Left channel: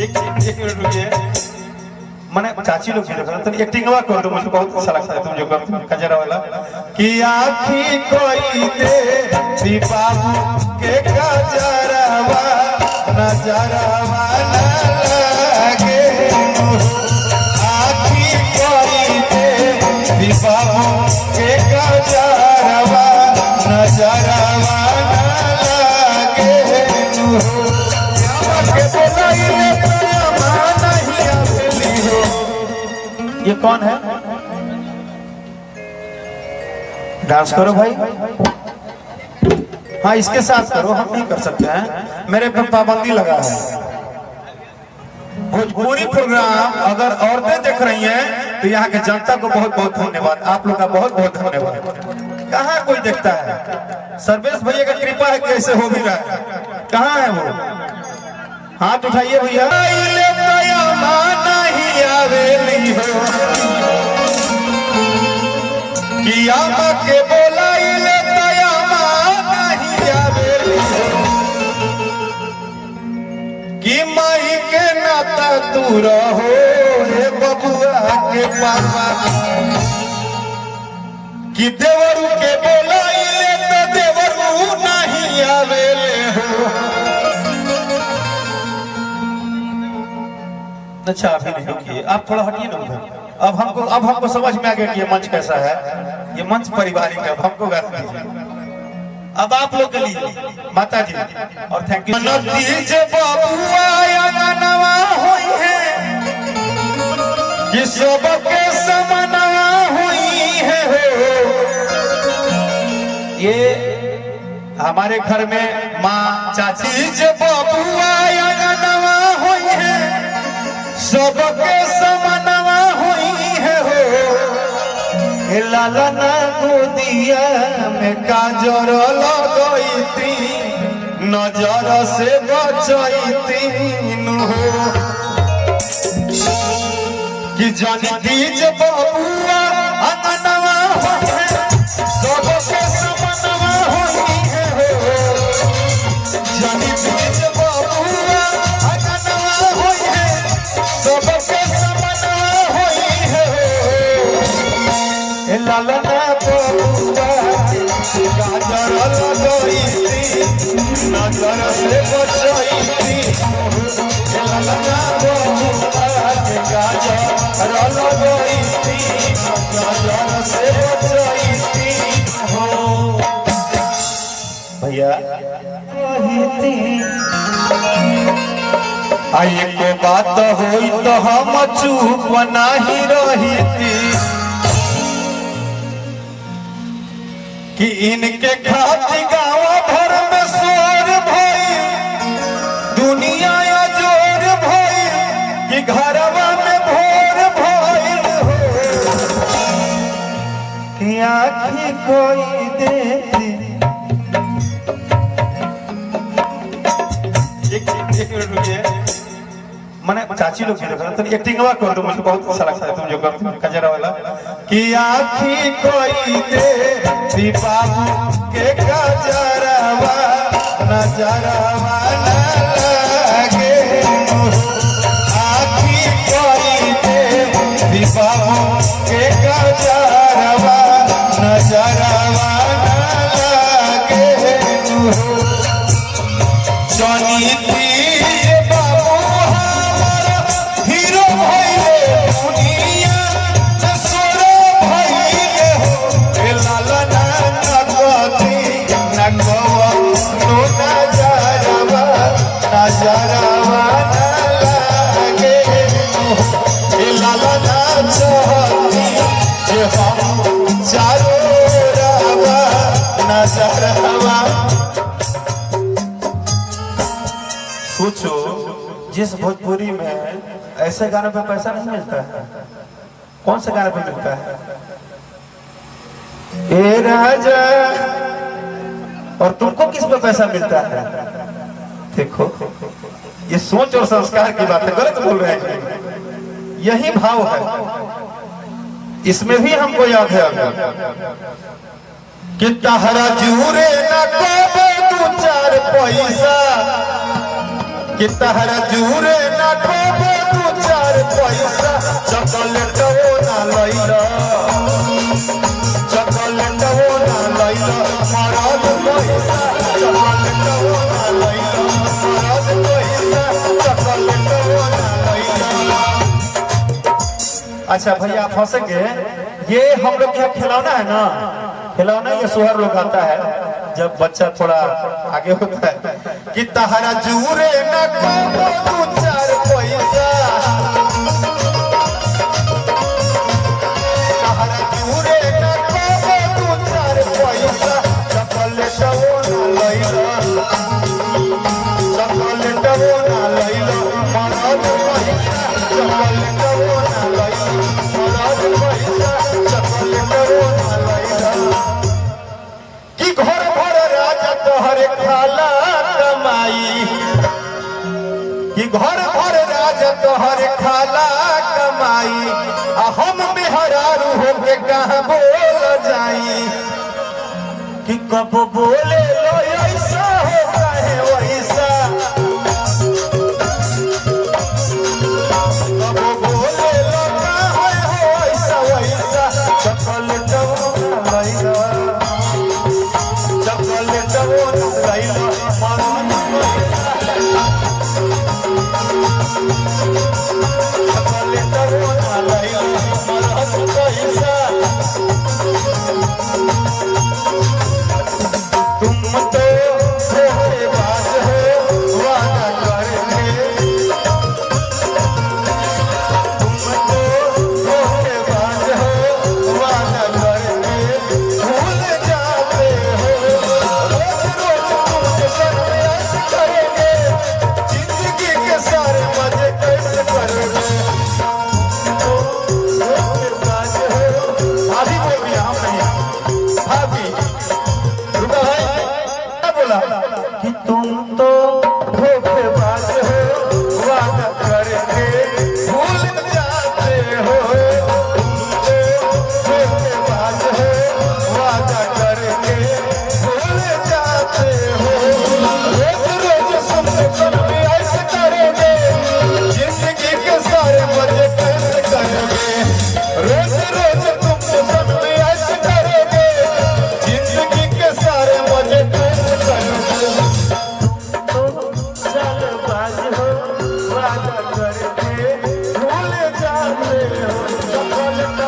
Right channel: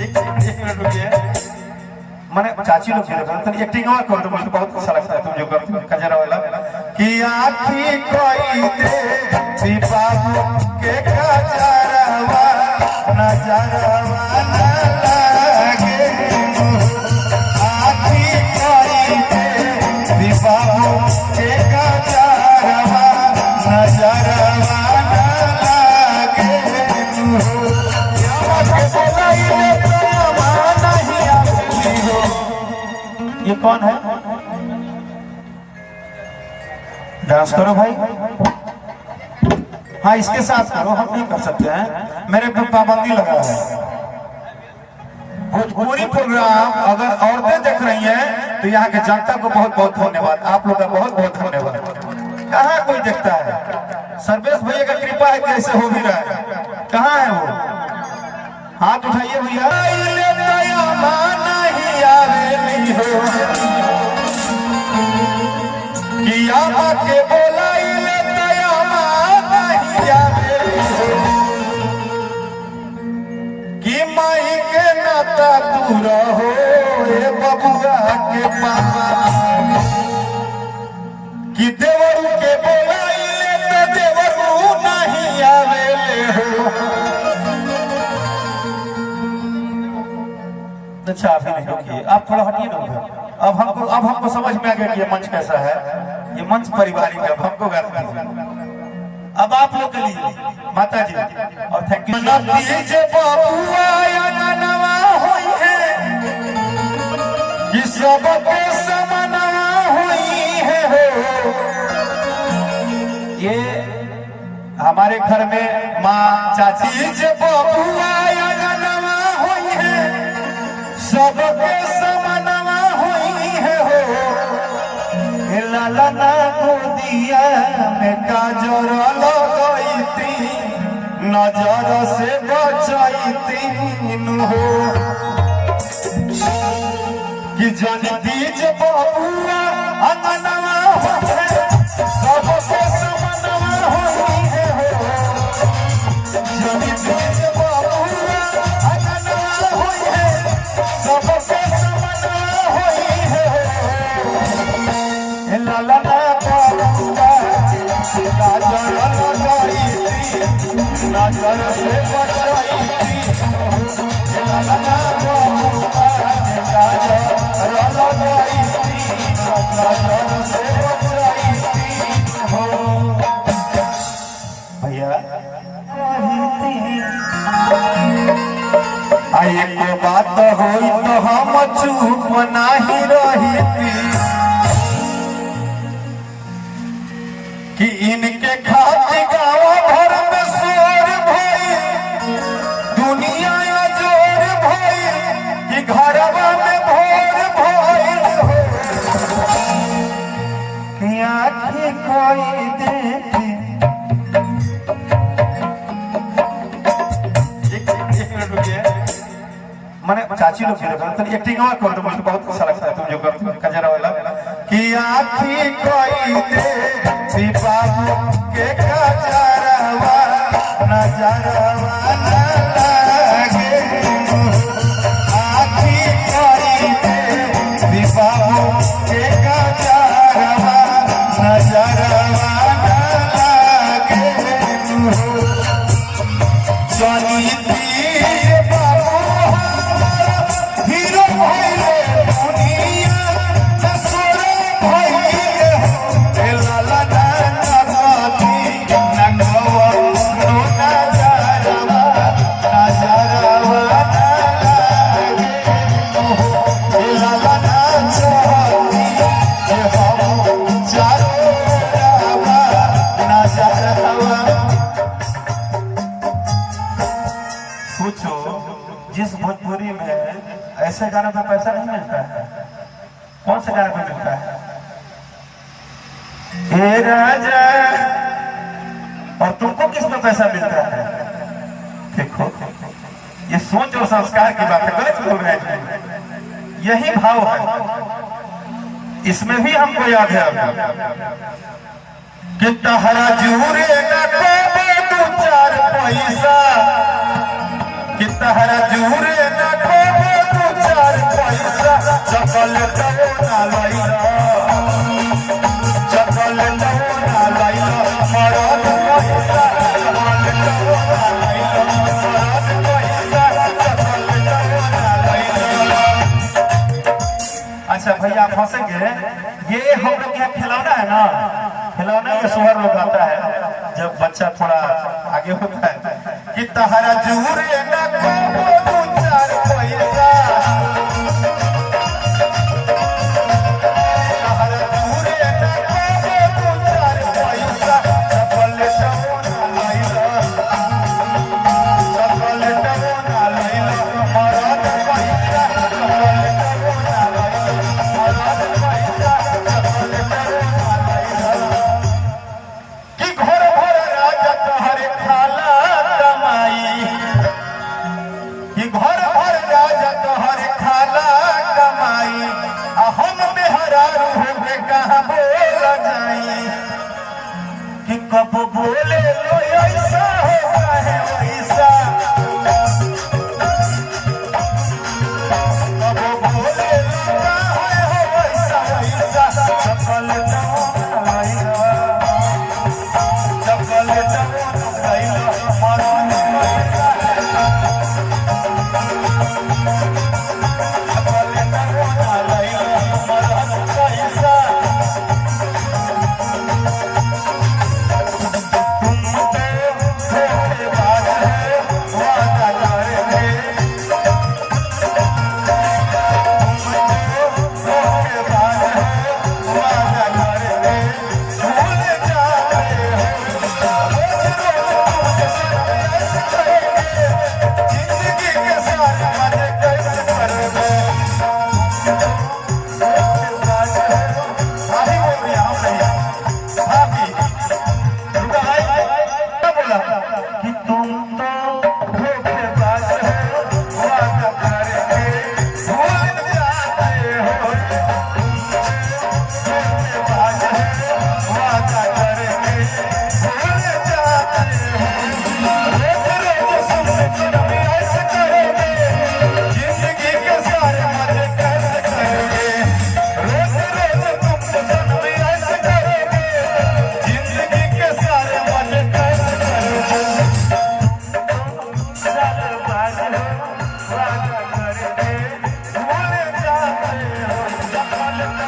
एक मिनट रुकिए। मैंने चाची लोग तो एक्टिंग कर दो, मुझे बहुत अच्छा लगता है तुम जो करते हो कजरा वाला कि आखी कोई दे दीपावली के कजरावा नजरवा न लगे। आखी कोई दे दीपावली के कजरावा नजरवा न लगे। ये कौन है? डांस करो भाई। हाँ इसके साथ करो, हम नहीं कर सकते हैं, मेरे पर पाबंदी लगा है। भोजपुरी प्रोग्राम अगर औरतें देख रही हैं तो यहाँ के जनता को बहुत बहुत धन्यवाद, आप लोग का बहुत बहुत धन्यवाद। कहाँ कोई देखता है? सर्वेश भैया का कृपा है कि ऐसे हो भी रहा है। कहाँ है वो? हाथ उठाइए भैया। के बोलाइले कि माही के नाता तू रहो हे बबुआ के पापा कि देवरू के बोलाइले तो देवरू नहीं आवेले हो। अच्छा अभी नहीं रुकिए, आप थोड़ा हटिए ना उधर। अब हमको समझ में आ गया कि ये मंच कैसा है। ये मंच पारिवारिक है, हमको गा दीजिए। अब आप लोग के लिए माता जी और थैंक यू। नतीजे बबुआ नवा हुई है ये सबके समनवा हुई है हो। ये हमारे घर में माँ चाची जे बबुआ नवा हुई है सबके समनवा हुई है हो। लालना गोदिया में काजर लगैती नजर से बचैती हो कि जानी दीज बबुआ अंगनवा है सबके समनवा हुई है हो। जानी दीज बबुआ अंगनवा हुई है सबके समनवा हुई है हो। लालना बबुआ गाजर लगैती नजर से बचैती। लालना बबुआ गाजर लगैती नजर से बचैती हो। भैया एक बात होई तो हम चुप नहीं रहती कि इनके खातिर गाँव भर में शेर भई दुनिया जोर भई कि घरवा में भोर भई हो कि आँखी कोई देती। एक मिनट रुकिए। मैंने चाची लोग तो एक्टिंग कर दो, मुझे बहुत अच्छा लगता है तुम जो करते हो कजरा वाला कि आँखी कोई दे दीपावली के कजरावा नजरवा न लगे। आँखी कोई दे दीपावली के कजरावा नजरवा न लगे। जानी तीज बाबू हीरो भइले दुनिया सुरो भइले हो। लालना नगती नगवा लोटा जरवा नजरवा न लगे। लालना चोरिया जे हम चारो रवा नजरवा। सोचो जिस भोजपुरी में ऐसे गाने पे पैसा नहीं मिलता है, कौन से गाने पे मिलता है? ए राजा, और तुमको किस पे पैसा मिलता है? देखो ये सोच और संस्कार की बात है, गलत बोल रहे हैं। यही भाव है, इसमें भी हमको याद है कि तहरा जूरे न को दे 2-4 पैसा कि तहरा जूरे न ना खूब दू चार पैसा चॉकलेट ना लैला चॉकलेट ना लैला मरद पैसा चॉकलेट ना लैला मरद पैसा चॉकलेट ना लैला। अच्छा भैया आप हंसेंगे, ये हम लोग क्या खिलौना है ना, खिलौना ये सोहर लोग आता है जब बच्चा थोड़ा आगे होता है कि तहरा जूरे ना दू चार पैसा तहरा जूरे ना दू चार पैसा चॉकलेट ना लैला चॉकलेट ना लैला मरद पैसा चॉकलेट ना लैला मरद पैसा चॉकलेट ना लैला। कि घर भर राजा तोहरे खाला कमाई कि घर भर राजा तोहरे खाला कमाई आ हम बेहरारू होके कहाँ बोल जाई कि कब बोले लो ऐसा हो है वैसा कब बोले लो कहाँ हो ऐसा वैसा चॉकलेट चॉकलेट लैला मरद चॉकलेट ना लैला मरद पैसा। तुम तो धोखेबाज हो वादा करके तुम तो धोखेबाज हो वादा करके भूल जाते जिंदगी के सारे मजे कैसे करोगे धोखेबाज हो। अभी बोल दिया हम नहीं भाभी रुको भाई क्या बोला कि तुम तो धोखेबाज हो वादा करके भूल जाते हो तुम तो धोखेबाज हो वादा करके भूल जाते हो। रोज रोज तुम ऐसे करोगे जिंदगी के सारे मजे कैसे करोगे रोज रोज तुम ऐसे करोगे जिंदगी के सारे मजे कैसे करोगे। चालबाज हो वादा करके भूल जाते हो चॉकलेट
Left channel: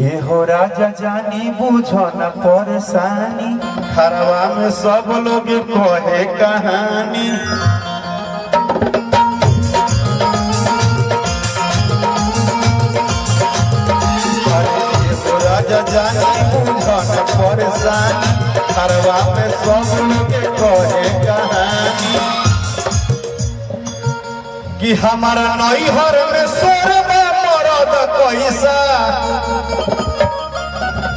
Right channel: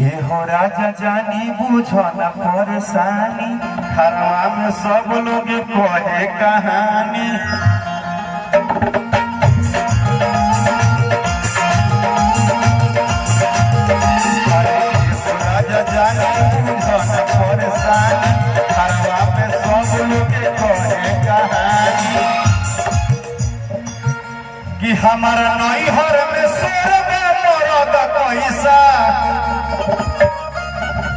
ये हो राजा जानी बूझो न परेशानी खरवा में सब लोग कहे कहानी अरे ये हो राजा जानी बूझो न परेशानी खरवा में सब लोग कहे कहानी कि हमारा नैहर में सोर में मरद कैसा।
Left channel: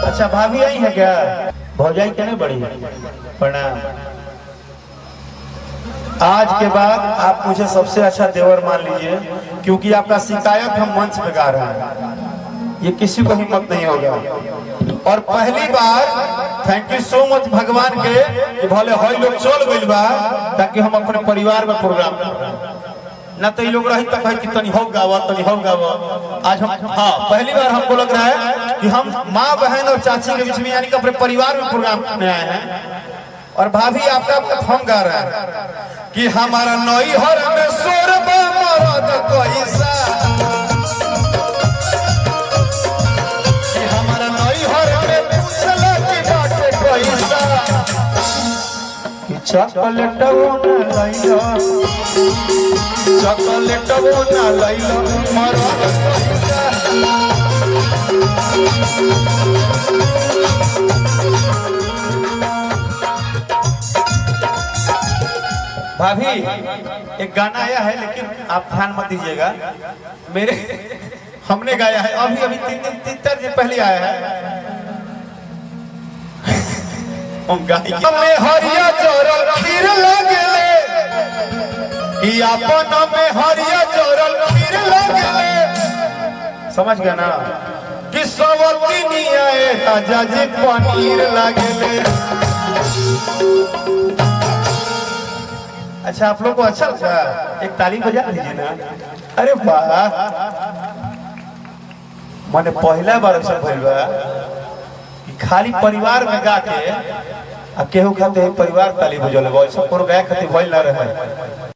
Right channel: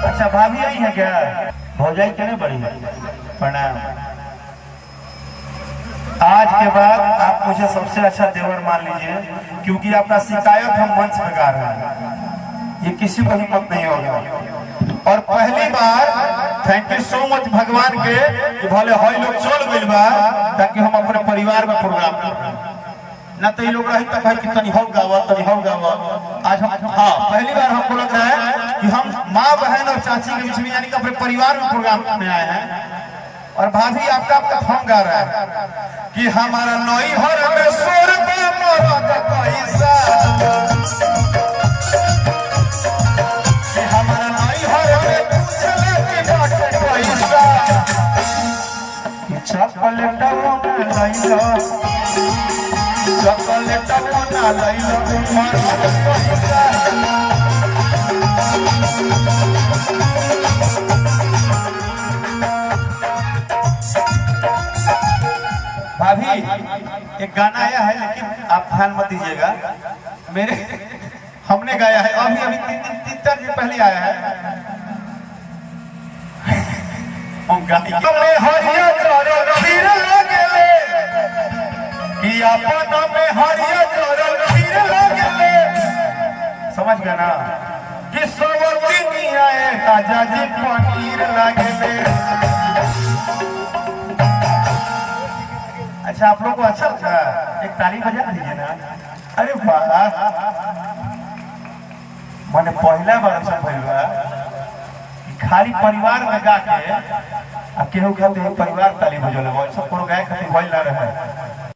अच्छा भाभी आई है क्या, भौजाई क्या नहीं बड़ी प्रणाम। आज के बाद आप मुझे सबसे अच्छा देवर मान लीजिए क्योंकि आपका शिकायत हम मंच पे गा रहे हैं, ये किसी को हिम्मत नहीं होगा। और पहली बार थैंक यू सो मच भगवान के कि भले हई लोग चल गइल बा ताकि हम अपने परिवार में प्रोग्राम करें ना तो ये लोग रही तक कि तनी हो गावा तनी हो गावा। आज हम हाँ पहली बार हमको लग रहा है कि हम माँ बहन और चाची के बीच में यानी कि अपने परिवार में प्रोग्राम में आए हैं। और भाभी आपका हम गा रहा है कि हमारा नैहर में सोर में मरद कैसा कि हमारा नैहर में चले की बात पैसा कि चॉकलेट ना लैला चॉकलेट ना लैला मरद पैसा। भाभी एक गाना आया है लेकिन आप ध्यान मत दीजिएगा, मेरे हमने गाया है अभी अभी 3 दिन पहले आया है। में हरिया जोरल खीर लागले कि अपन में हरिया जोरल खीर लागले, समझ गया ना कि सवती आए राजा जी पनीर लगे। अच्छा आप लोग को अच्छा लगा? एक ताली बजा दीजिए ना। अरे वाह, मैंने पहला बार ऐसा भइल बा खाली परिवार में गा के केहू खाते परिवार ताली बजौले, ऐसा कोनो गाय खाते भइल ना रहे।